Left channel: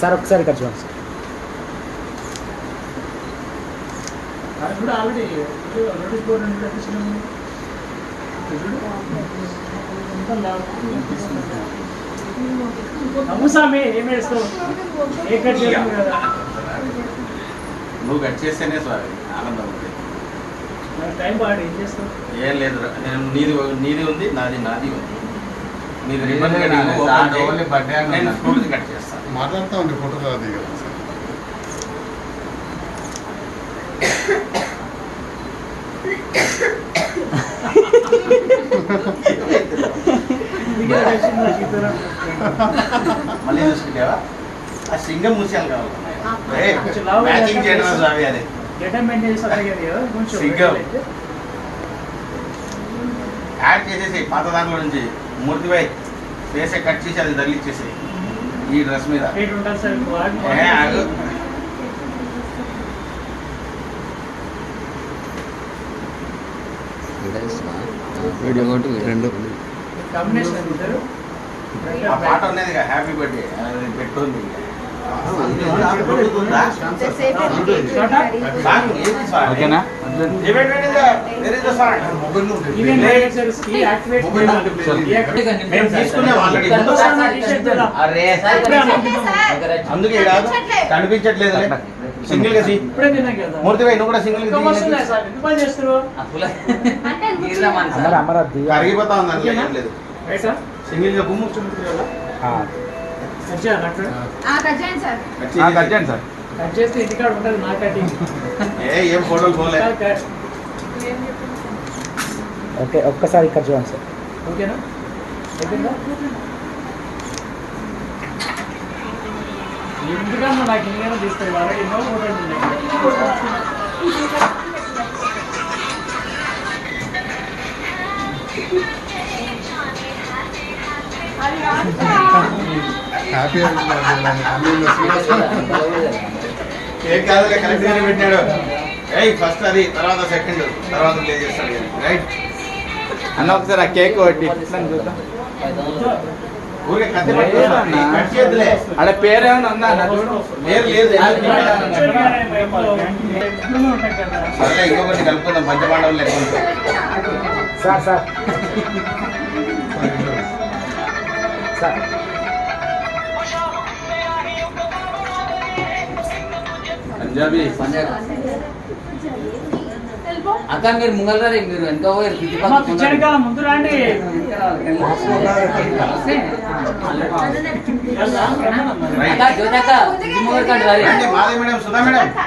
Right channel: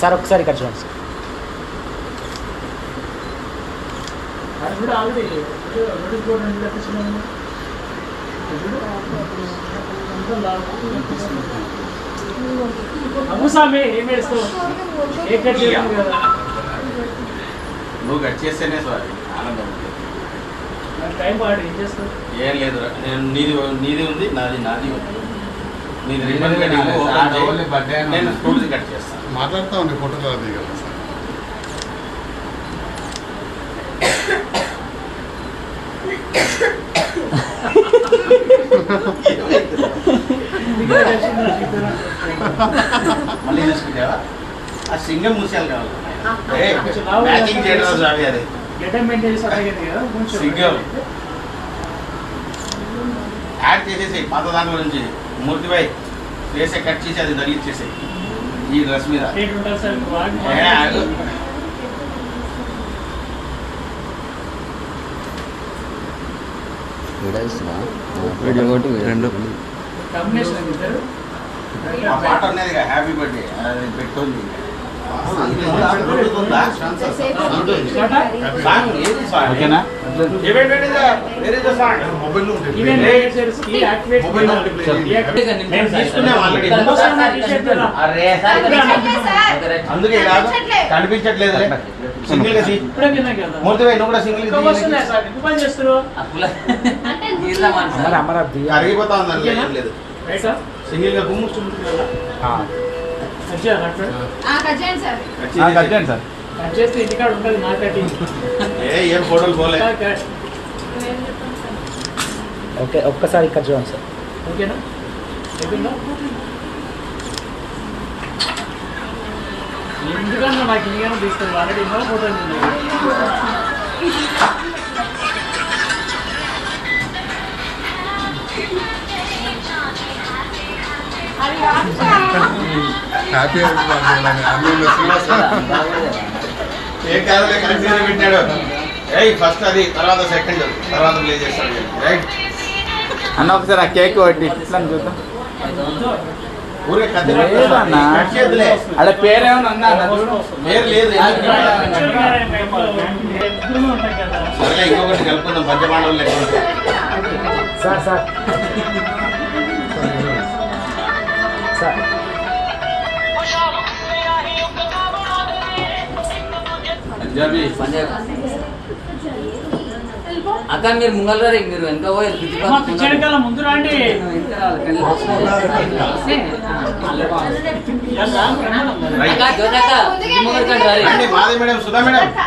Sir ఒకసారి ఇక్కడ చూడండి నువ్వు కట్ చేస్తేనే సారీ ఆనందం ఏం లేదు నేను నీది ఉంది నాది ఉంది నీది రిబ్బన్ కటింగ్ నేను ఫ్రూట్స్ కట్ చేస్తాను మాట్లాడుతూ ఉండే ఫోటోలు అది కదా సార్ మళ్ళీ చూసుకుంటావా ఆ సింగం ముత్యాలు కావాలి మ్యాచింగ్ చేయడం అవి అది సింగం యాడ్ చేసేసి పాత దాని నుంచి మూర్తిబాయ్ వేసే కట్ చేసి అది తగిలిచ్చేసి ఈ డ్రెస్ మీద రెండు ఆ పాట ఉన్నది హ్యాపీ బర్త్డే అది పెట్టుకుంది ఓకేనా అందుకే కాదు కనిపించట్లేదు సింగిల్ గా మూర్తిబాయ్ నువ్వు కూడా సింగిల్ అరిగిపోతా ఉంది లేదు సింగిల్ గా గుమ్ము ఏం ఫోటోలు పోలే ఓకే ఒక్కసారి ఇక్కడ చూడండి సార్ ఓకేనా అయిపోయిందా ఎందుకన్నా నాకు ఇంకేమైనా తీస్తుంది ఆల్రెడీ ఎన్నో ఫోటోలు ఉన్నాయి హ్యాపీ ఏం కాదు కరెక్ట్ గానే పెట్టాడు ఫస్ట్ అది తర్వాత సెకండ్ తర్వాత ప్లే చేస్తాడు రైట్ అన్న ఒకసారి ఆ కేక్ ఒకటి ఊరికే కట్ చేద్దులే అక్కడ పేరేమన్నా ఉందా అన్న పేరు లేదు సరే ఇంకొకటి కలుపుకుందాం పంచపాండవులు లెక్క సార్ సార్ సార్ పంజాబీ అక్కడ మీరు ముంగల్ రా మీరు వెనక పోయారు ముందు రండి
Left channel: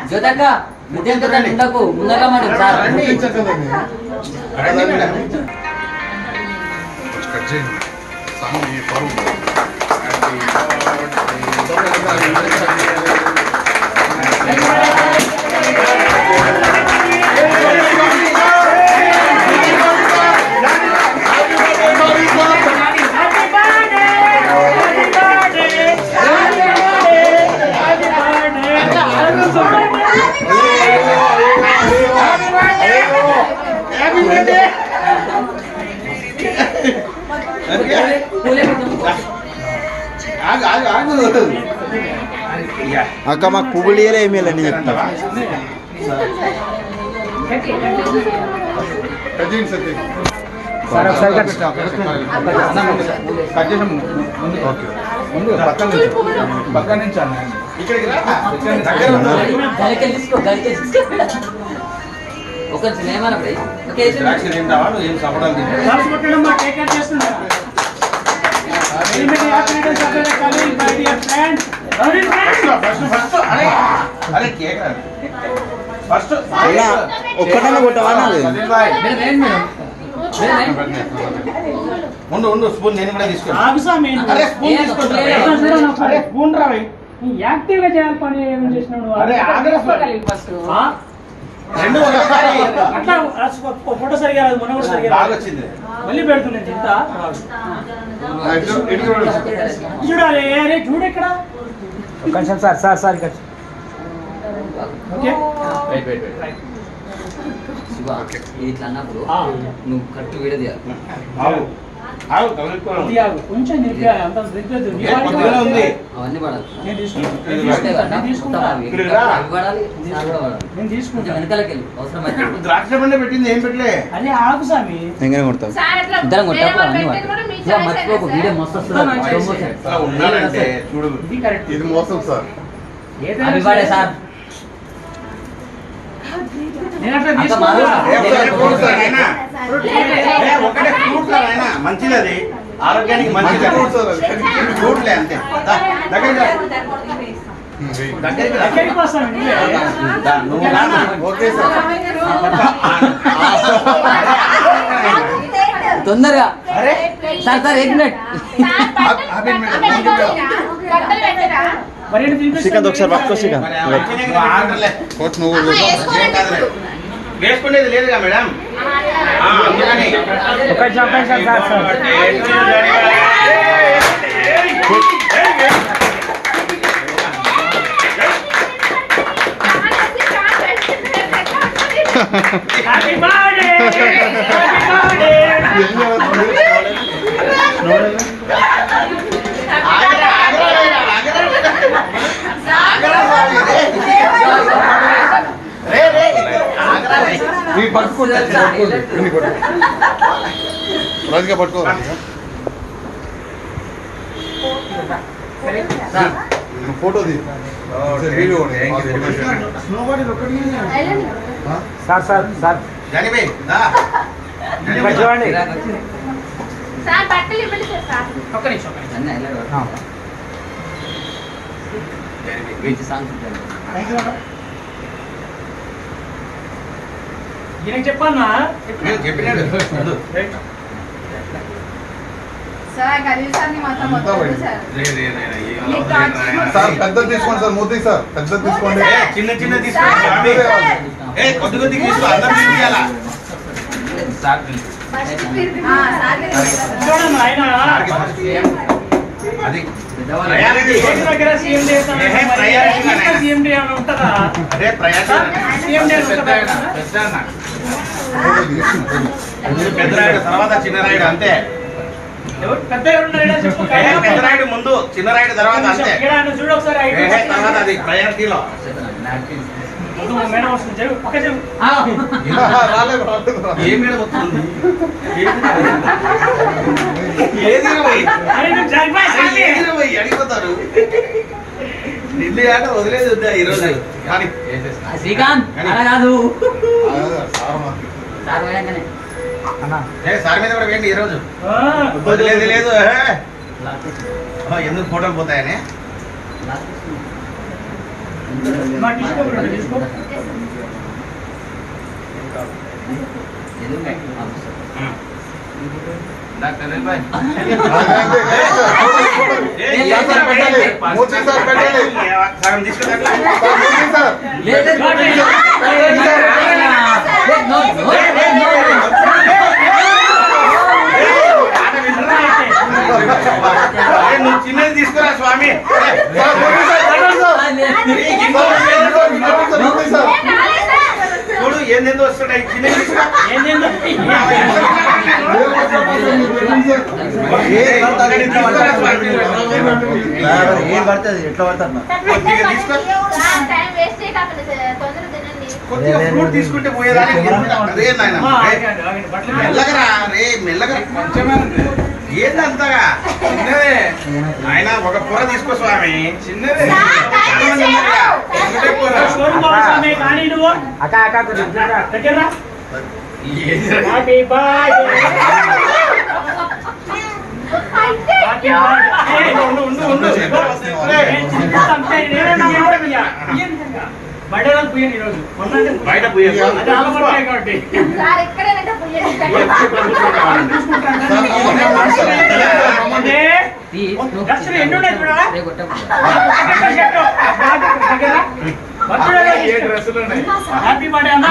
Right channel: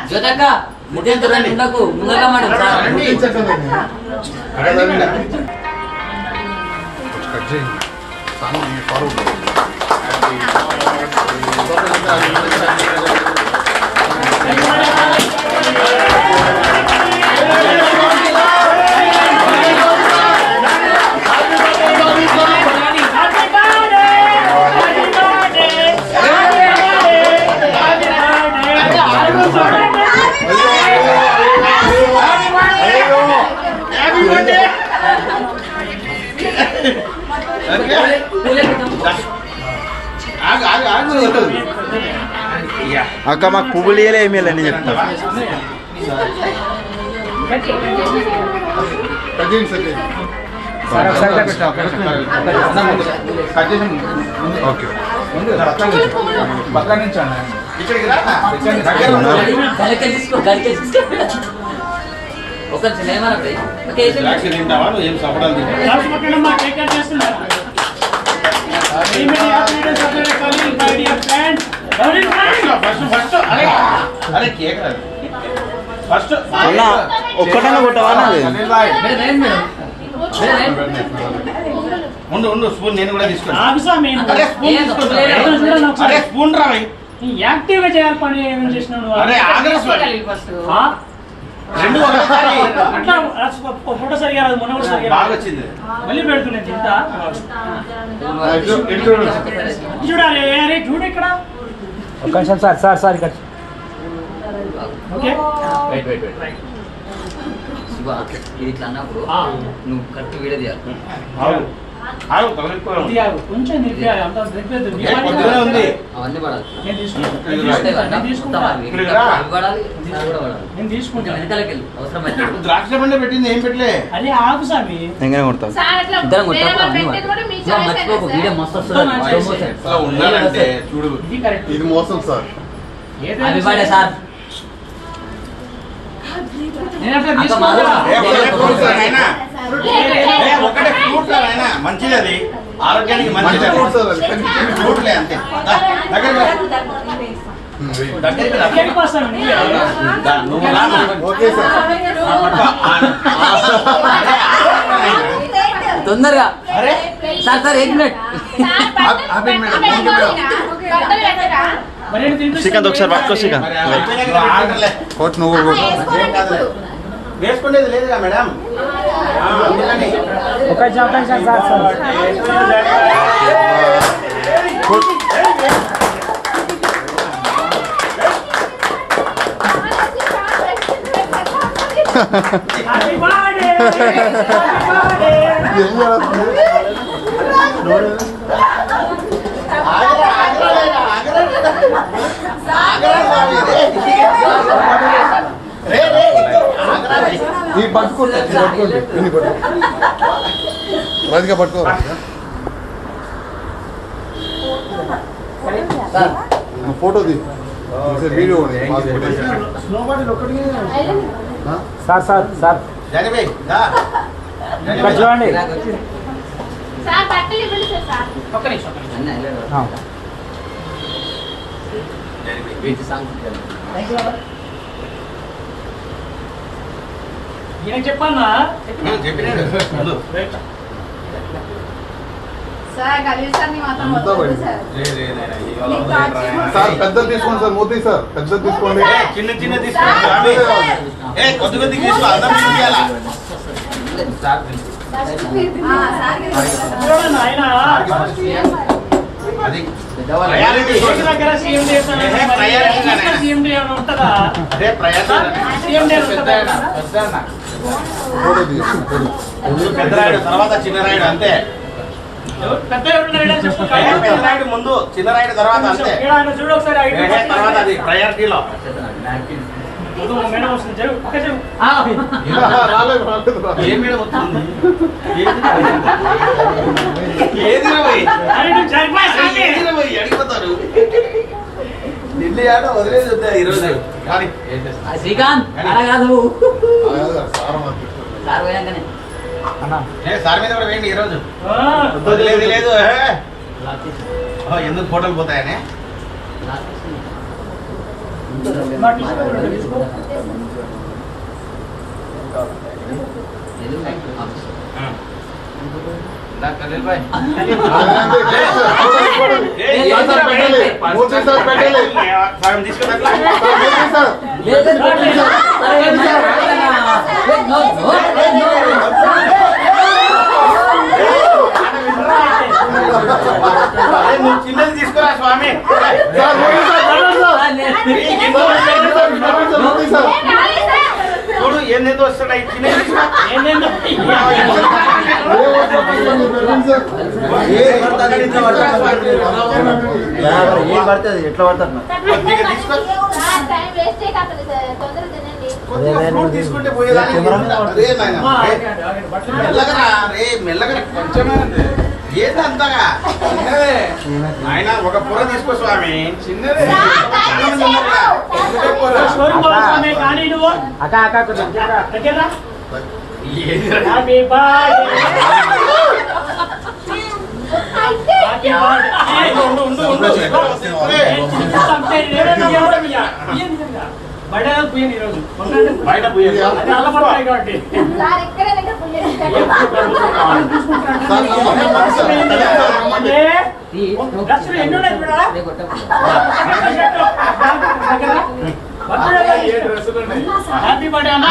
జ్యోతక్క ముఖ్యం చూడండి ఇందాకు ముందర అక్క మాకు పువ్వులు ఇయ్యలే ఏమీ అని చెప్తా పక్క నుంచి అన్న ఒక సినిమా ఏం సపడాలు ఫస్ట్ ఒక్కటన్నా కొట్టవా ఉండు స్పూన్ నేను కూడా తీసుకుంటాను స్పూన్ రావి యాక్టివ్ గా చేయాలి పని ఏం చేసినాడు రెండు ఒకసారి అట్లా ఫోటో సరిగా రాదు మొన్న కూడా సరిగా బాగా వచ్చింది మళ్ళీ పెడుతున్నాను ఇంత చూడాలి అరే చూడు ఇక్కడ ఒక నిమిషం సార్ సార్ సార్ ఇక్కడ ఓకే శివ ఇవ్వ. ఇది ఇట్లా అన్నప్పుడు ఆ. నువ్వు కరెక్ట్ వీడియో తీయాలి. ఇది ఆగు. కొంచెం నిప్పి అంత నిప్పేద్దు. నీ ఏ, వాడికి పొద్దునే ఉంది. అవన్నీ పడాలి. నేను తీసుకుంటా. ఇది నేను రాయి. తీసుకుంటా. నేను తీసుకుంటా. ఇక్కడికి రా. ఇవి పడాలి, అది కూడా పడాలి. నేను కొంచెం తీసుకుంటా. వెనకాలకి వెళ్ళు అవసరమైతే. ద్రాక్ష పండు పెట్టింది ఏం పెట్టలే అదే ఆగు స్వామి. ఎంగనే కొడతావు ఇద్దరం కొట్టాము అన్ని ఇవ్వ, మర్చిపోకు వీడియో మస్తు వస్తుంది. మంచి promotion. చేసే. అట్లా ఉండాలంటే చూడు ఇది కరెక్ట్. ఇది మోసం సార్. ఏదైనా అవి పడే సార్. నేను అట్లా అంత తీసుకోగా. మారు. ఏ, ఒకటే ఫ్రూట్ రా నాయనా. ఏ, ఒకటే ఫ్రూట్ రా నాయనా. మంచిది అది ఆరోగ్యానికి మంచిది మంచి ఫ్రూట్ సార్ అది. ఫ్రూట్లే అంతే దా, దగ్గరికి రా. దగ్గరికి రా. ఎక్కడికి వస్తాను నువ్వే? దా, నువ్వు రా. Okay sir. తొందరగా అరే సార్ సార్ 1 మినిట్. మరి ఏంటి తినిపిస్తాను? శ్రీకాంత్ ఒకసారి పట్టుకో శ్రీకాంత్. మరి అయిపోయినాక నువ్వు ఆగలే. కోచ్ నువ్వు కూడా. ఏం కాదులే. వేసుకునేది లేదుగా మేడం అందుకని ఒక నిమిషం sir Happy birthday! Happy birthday! ఏం చేస్తుంది? ఆగరా, ఆగరా, ఆగరా స్వామి, రే, రే, ఆగరా రే. ఈ పట్టుకోండి పట్టుకోండి ఇన్ని పట్టుకోండి. రాజుగా పట్టుకో రాజుగా. సార్ ఫోటో తీ వీడియో సార్ సార్ సార్ జానిబే, దా. జానిబే, చూడండి సార్ బట్టలు ఇవ్వండి సార్. ఒక్క నిమిషం, ఒక్క నిమిషం. అన్నీ అయ్యాడు. జానిబే. వీటి సాంగ్ ఉంటుంది. థ్యాంక్ యూ బాబా. ఈయనకి చెప్పన్నా నేను చెప్పినాడు ముందు. సార్ గలీసాన్ని మాత్రం అంతా వద్దు పోయింది. సార్. రే, రే, నాయనా, ఏం అలా వదిలేయరా నాయనా. సార్ పెద్దది తీసుకోండి సార్ మోదీ సార్ పెద్దది తీసుకోండి. ఏ, చిన్న చిన్న తీసుకో స్వామి. ఏ, కొద్ది కొద్దిగా తీసుకో అందరం తీసుకోవాలా సార్ చూడండి ఆయన అది పెద్దవాళ్ళు. ప్రయారిటీ. ఏక దగ్గర CMD చేస్తాను. ఏహే, ప్రయారిటీ మరి ఇక్కడ CMD ఏమైనా ఉంటుందా? అదే ప్రయారిటీ. CMD ఉంటుందా? ఫోటో తీయండి. పెద్ద రాయుడు తర్వాత చిన్న రాయుడు అంతే. ఎవరు పెద్ద ఎవరున్నారో చెప్పు. ఏ, పెద్ద రాయుడు ముందు చిన్న రాయుడు తర్వాత అంతే. ఇక్కడ ఆయన చూడు ఒకసారి ఐదు ఏహే, తర్వాత అది ప్రయారిటీలో. వద్దు, మేడం వస్తుంది చెడు పక్క చెడు. రాలేదు రాలేదు ఏ మీద వస్తుంది ఏది పోయి ఆయన జరిపాయి సామి. ఏది పోయి అడిగిపోతారు నిన్ను ఆట వదిలేది ఉందా ఈరోజు కానీ శ్రీకాంత్ అలా కాదు. సార్ మాత్రం. సార్ పోయాకనే. సార్ మీద కూడా వేయండి ఈరోజు ఆ, వదిలేదు లేదు ఏహే. ఎందుకు ఫోటోలు పోతాయని మా తీసుకో బ్రో, తీసుకో. డాక్టర్ బాయ్ మోదీ సార్ పెట్టాలి. సగం తీసుకున్నట్లా మోదీ సార్ లేదు, లేదు. అరే, మరి రాగరా. లేదు, no, no, no. నువ్వు చిన్నది తీసుకురా స్వామి sir Modi sir Modi sir చూడు ఏందేందో వస్తున్నాయి చిన్నది తీసుకో ఏందేందో. ఏం పడుతుంది ఎట్లా పడుతుంది కొద్దిగా తీసుకో టైం వేస్ట్ కాకుండా తొందరగా తినండి. కొద్దిగా ఫ్రూట్ తీసుకుంటే పోయేదానికి అదే నాయన ఆ, ఆగండి, ఆగండి, బట్టలు మీద. మెల్లగరా రే మెల్లగరా కొంచెమే ఏంది అంతగా చిన్నదే ఆయన ఒక పొర తీసుకో స్వామి చిన్నదే చాలా మంది ఉన్నారుగా. ఒకటే పొర. షోరూమ్ పోవాలి స్వామి, కానీ నువ్వు అక్క అక్క కొంచెం దగ్గర రా. ఏందిరా? Happy birthday. అయితే హ్యాపీ బర్త్డే. ఉండు, ఉండు, ఉండు, ఉండు. నేను తినిపిస్తాను. నేనే నా మాట ఇయ్య. ఇయ్యను నిజంగా. బయట కాదు పోయాను ఈరోజు. మొన్నంటే బయట పోయే అది అలవాటు కాబట్టి. సార్ ఎక్కడైనా పుయ్యండి. అంటే డ్రెస్సులు ఎన్ని ఉన్నాయి చూడాలా? రేపు కొట్టకు. హ్యాపీ బర్త్డే అన్న.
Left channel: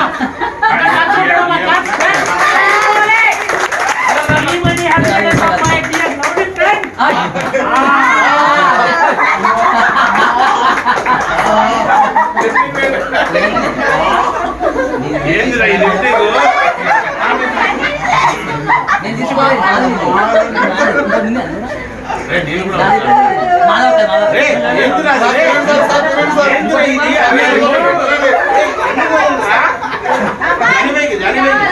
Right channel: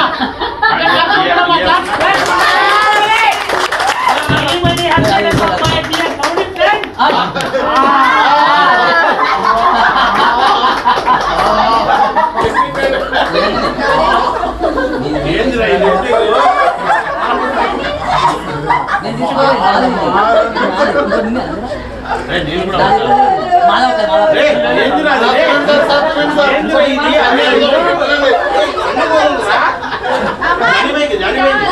ఏందిరా ఇది? రే, నేను కూడా రే, ఏందిరా అది? రే, ఏందిరా ఇది? అరే, జానీ బైక్.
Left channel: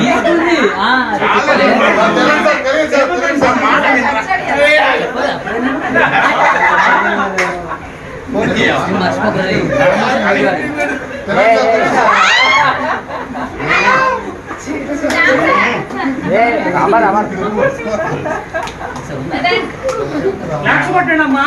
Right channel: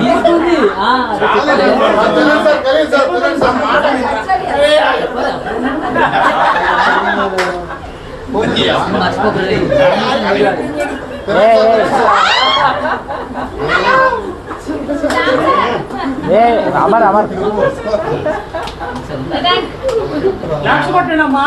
తీసుకుంది మర్చిపోతుంది లాక్స్ కొట్టండమ్మా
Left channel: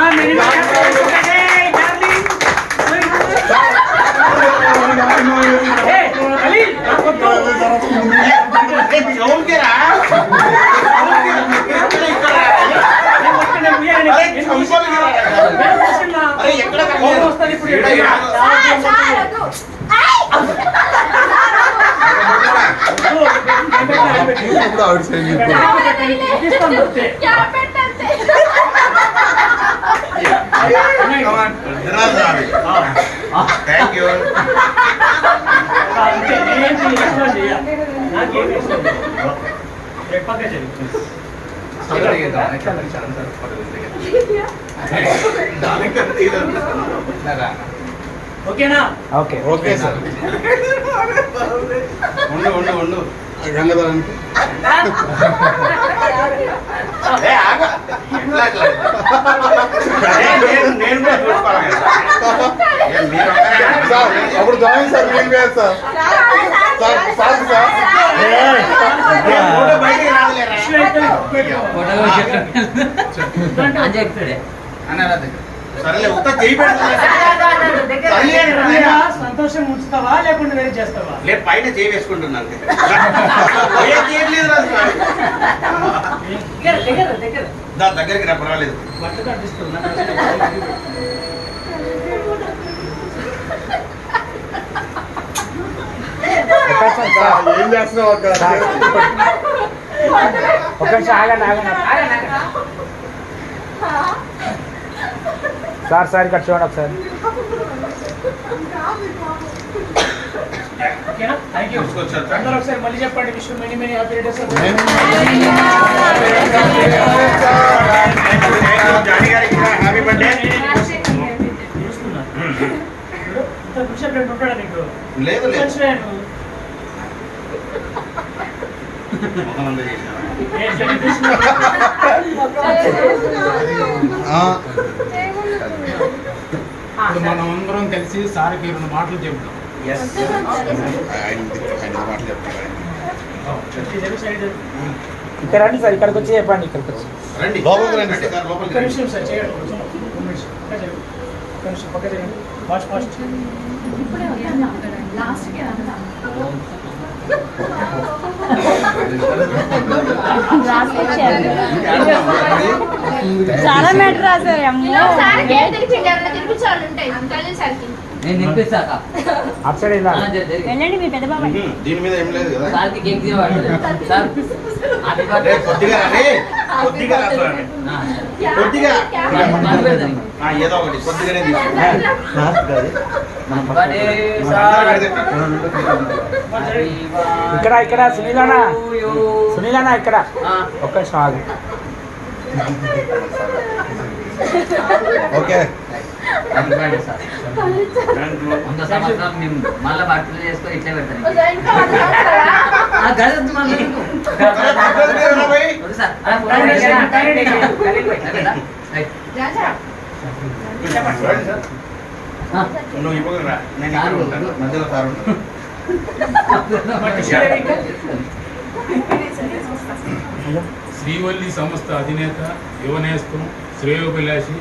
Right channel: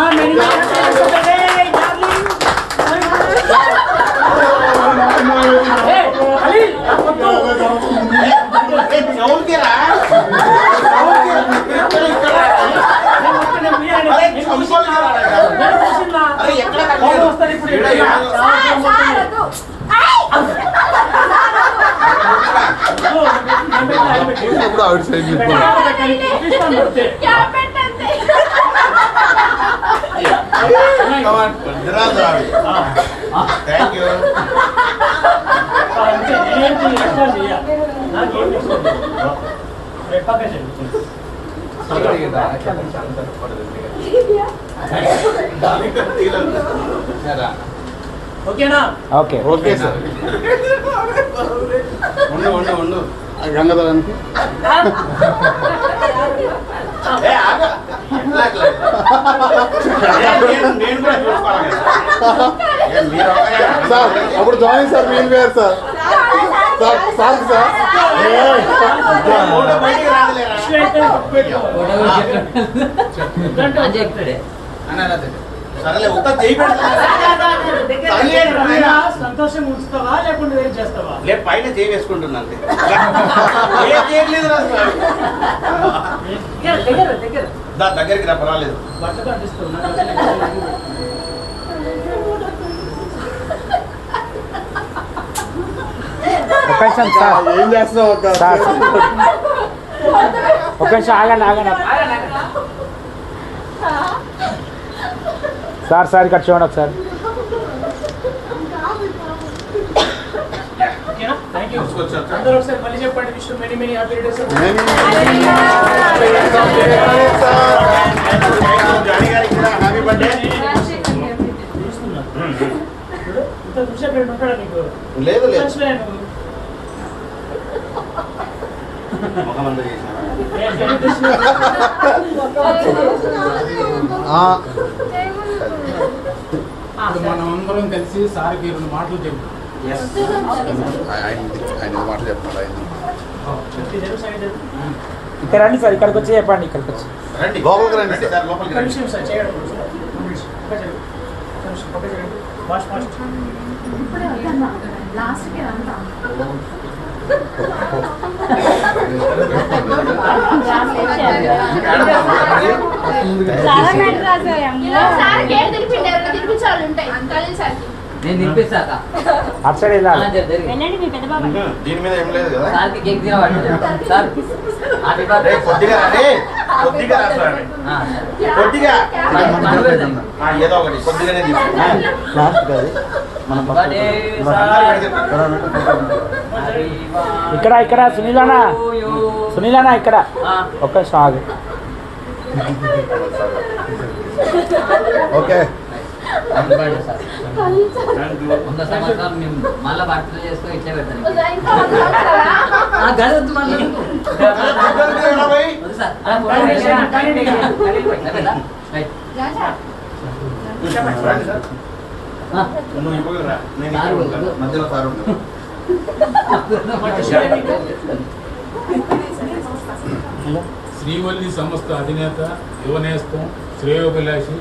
ఆవిడ సైడ్ థ్యాంక్ యూ. ఓకేనా? Okay okay sir. ఉండు గంగదానికి ఏ, ఆగు. నేను కూడా చూసుకోవాలి కదా. ఏ, మీరు ఒక్కరే. సార్ అప్పుడు జాయిన్ సార్ నేను వేరు సార్ సార్ సార్ ఏ, ఫోటో బయటికి రాదులేరా? అని చెప్పాడే సరేలే ఉత్త చేయి పెడుతుంది. సంతోషం ఉంచుతావా లేకుంటే వేరే చేస్తావా? లే, పైన చేయి వేసుకుంటున్నా అంతే. ఏం చేయలేదు రా స్వామి. దగ్గర దగ్గరికి రా, పర్వాలేదు. బట్టతో అనిపిస్తుంది. ఒక నిమిషం సార్, ఏం చేస్తున్నావు అక్క సార్. ఒక నిమిషం ఆగండి సార్. సార్ ఇక్కడ చూడండి ఒకసారి. ఓకేనా? Thank you. తీసుకొచ్చారు. అందరూ ఒకసారి మళ్ళీ చెప్పండి. Wish many many happy returns of Jani గారికి కూడా హ్యాపీ బర్త్డే. చూస్తున్నా. ఇంత చూసే ఫ్రెండ్ ఉంటాడా నీకు? లేదు లేదు, మర్చిపోయాను. ముఖమంతా చేసినా. ఏ, సెలబ్రేషన్ ఇప్పుడు మనం అందరం కలిసి సార్కి 2 మాటలు చెబుతాం. Yes. ఆయన మాట చెప్తాను ఇక్కడ రండి సార్, ఇక్కడికి వచ్చి చెప్పండి. ఇక్కడికి వచ్చి రండి. లోపలికి రండి సార్, లోపలికి ఒక్క రండి. నిమిషం సార్ చేయడం కొంచెం. ఒక్క నిమిషం. ఒక్క నిమిషం. ఒక్క నిమిషం. పక్క చేయండి. Fast fast. నేను తినిపిస్తాక అటు సైడ్ వెళ్ళాలి. దీని మీద ఏం లేదు కదా. సార్కి కేక్ తినబడలేదు సార్ హ్యాపీ బర్త్డే కొద్దిగా రా, కొద్దిగా రా స్వామి. కొద్దిగా ఏదో ఒకటి కొద్దిగానే తీసుకో. ఇక్కడ సునీలానా ఇక్కడ ఒక్క నిమిషం ఆగు. Okay happy birthday sir. 100 సంవత్సరాలు మేము మళ్ళీ బర్త్డే చేసుకొని ఇట్లా పెడతాను గది మళ్ళీ సార్ నువ్వు ఇప్పుడు రా, నేను ఇక్కడ ఉంటాను. మధ్యలో సార్ ఉంటాను. శ్రీవల్లి సంస్థ అధినేత యువనేస్తం శ్రేయోభిలాషి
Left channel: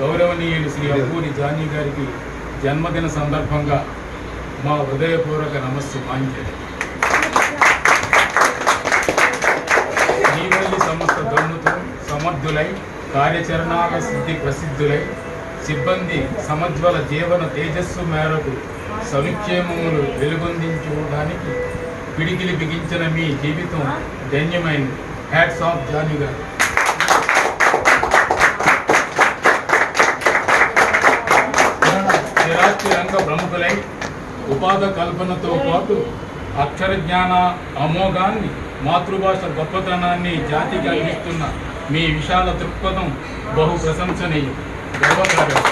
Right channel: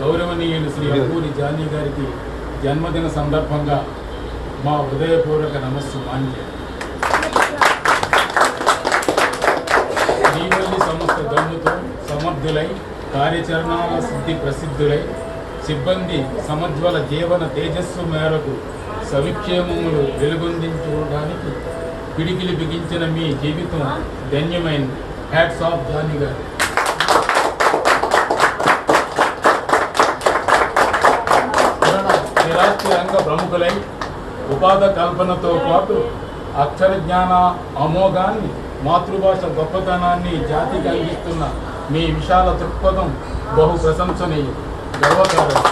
గౌరవనీయులు శ్రీ అబ్బూరి జానీ గారికి జన్మదిన సందర్భంగా మా హృదయపూర్వక నమస్సు మాంజలి. శ్రీవల్లి సంస్థ దన్నుతో సమర్థులై కార్యాచరణాల సిద్ధి ప్రసిద్ధులై సిబ్బంది సమజ్వల జీవన తేజస్సు మేరకు సవిక్షేమములు వెలుగొందించుకోవడానికి పిడికిలి బిగించిన మీ జీవితం ధన్యమైంది. హ్యాట్స్ ఆఫ్ జానీ గారు. స్థిరాస్తి రంగ ప్రముఖులై ఉపాధి కల్పనతో పాటు అక్షర జ్ఞాన అమోఘాన్ని, మాతృభాష గొప్పతనాన్ని జాతికి అందిస్తున్న మీ విశాల దృక్పథం బహు ప్రశంసనీయం, గర్వకారణం.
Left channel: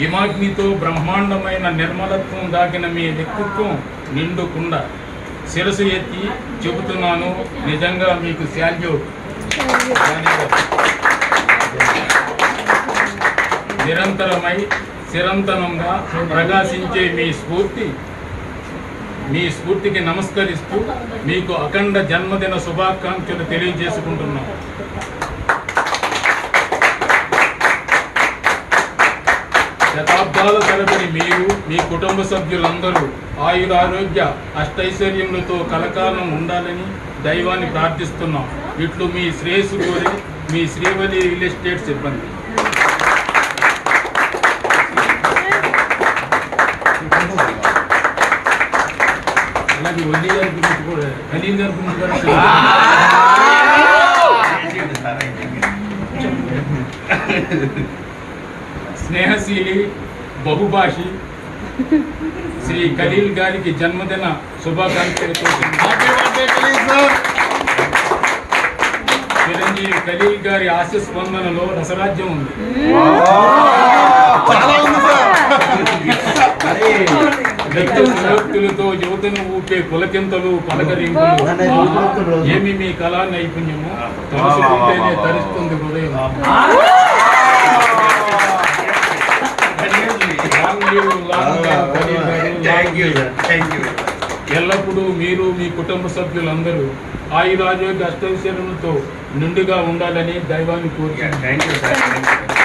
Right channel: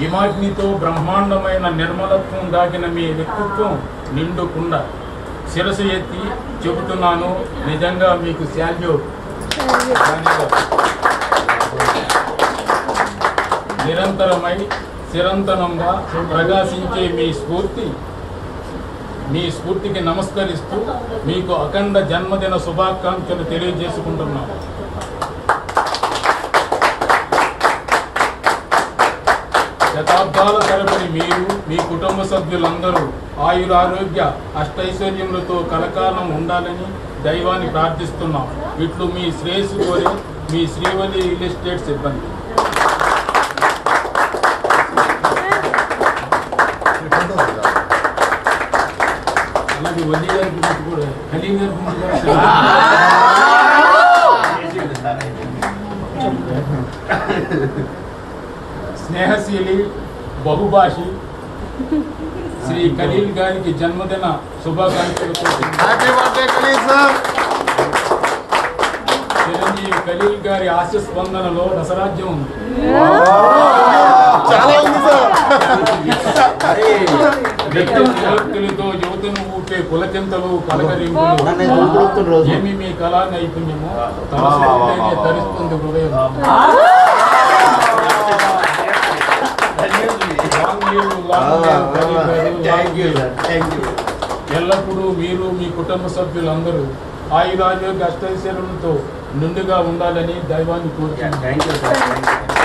హిమాగ్నితో బ్రహ్మాండమైన నిర్మలత్వం దాగిన మీ వ్యక్తిత్వం నిండుకుండ. శిరసు ఎత్తి చెబుతున్నాను, నిజంగా మీకు శాల్యూట్. నిరంతరమై చిరంతనంగా ప్రకాశించే మీ స్ఫూర్తికి నమస్కరిస్తూ మీకు అఖండ జన్మదిన శుభాకాంక్షలు తెలియజేసుకుంటున్నాను. శతాబ్దాల తరబడి మీరు, మీ కుటుంబ సభ్యులందరూ ఆయురారోగ్య అష్టైశ్వర్యములతో కలకాలం ఉండాలని దైవాన్ని ప్రార్థిస్తున్నాం. ఇట్లు మీ శ్రేయస్సు కోరే మీ శ్రీవల్లి రియల్ ఎస్టేట్ సిబ్బంది. అలాగే వల్లి గారి గురించి కూడా, ఖలీల్ గారి గురించి కూడా స్నేహశీలి, బహుభాషి శ్రీ ఖలీల్ గారికి జన్మదిన శుభాకాంక్షలతో చిరంజీవి ఖలీల్ గారి ఆశ స్పందనలో రసరాజ్యం ఉంది. వ్యక్తులతో యువతను ఊపే పులకింతలు, పలకరింపులు ఏమి మీ కళా నైపుణ్యము తలసుకుంటేనే తరిస్తుంది హృదయం. ఎల్లప్పుడూ మీరు, మీ కుటుంబ సభ్యులందరూ ఆయురారోగ్య అష్టైశ్వర్యాలతో నిండుగా ఉండాలని దైవాన్ని కోరుతున్నాను.